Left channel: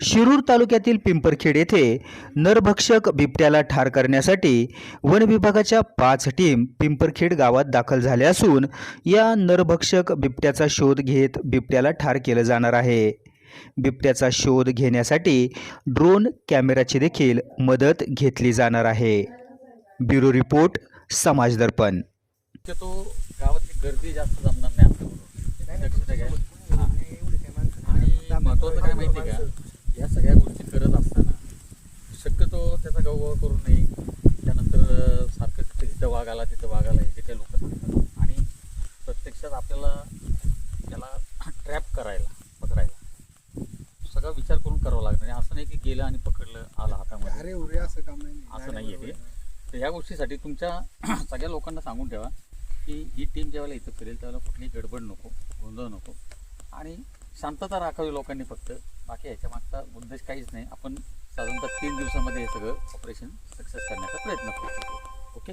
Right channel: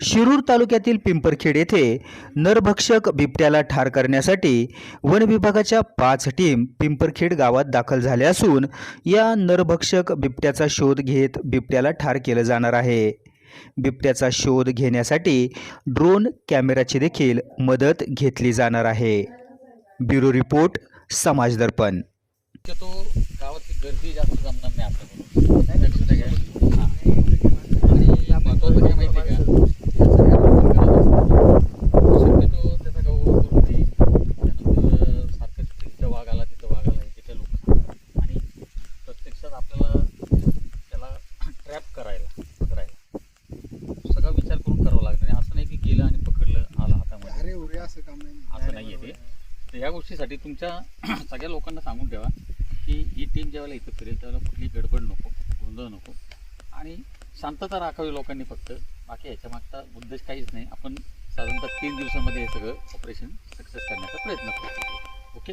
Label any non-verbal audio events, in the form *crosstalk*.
शिरूर तालुक्यातील पिंपरखेड येथे नरभक्षक बिबट्याला ठार करण्यासाठी वन विभागाच्या पाच टीम पिंपरखेड गावात दाखल झाल्या असून या नरभक्षक बिबट्याचा शोध घेत बिबट्याला ठार केलं जाणार आहे. बिबट्याचा शोध घेण्यासाठी ड्रोन कॅमेराची देखील मदत घेतली जाणार आहे. ब्युरो रिपोर्ट समाज दर्पण. शक्यतो गावातली गर्दी जास्त जमणार नाही आपल्याला लक्षात आहे काय हां आणि महत्त्वाचं काय माहिती आहे का या सगळ्या गोष्टी करत असताना शक्यतो त्याचा गौरव करू नये त्यानंतर सारखं तिथं इथं वाघ आला तिथं वाघ आला हे जे काही लोक सांगतात आणि प्रत्यक्षात आपल्याला त्याला ट्रॅप करायला पकडायला. सगळा विचार करून करावं लागणार आहे. असं नाही की गेलं आणि पकडलं आलं हातामध्ये. अरे उरे असं काम नाही. असं नाही आहे ते. तर ह्या गोष्टीसाठी तुमच्या *clears throat* सगळ्या लोकांना सांगून ठेवा की ही टीम ज्यावेळेला इथं फिरेल त्यावेळेला कुठली गडबड नको गोंधळ नको. आणि शांतता राखावी लोकांनी फक्त. बाकी ह्याच्या मागचा उद्देश काहीच नाही. आपण साधारणतः तीन दिवसामध्ये हे सगळं ऑपरेशन सक्सेस करण्याचा प्रयत्न करू. ओके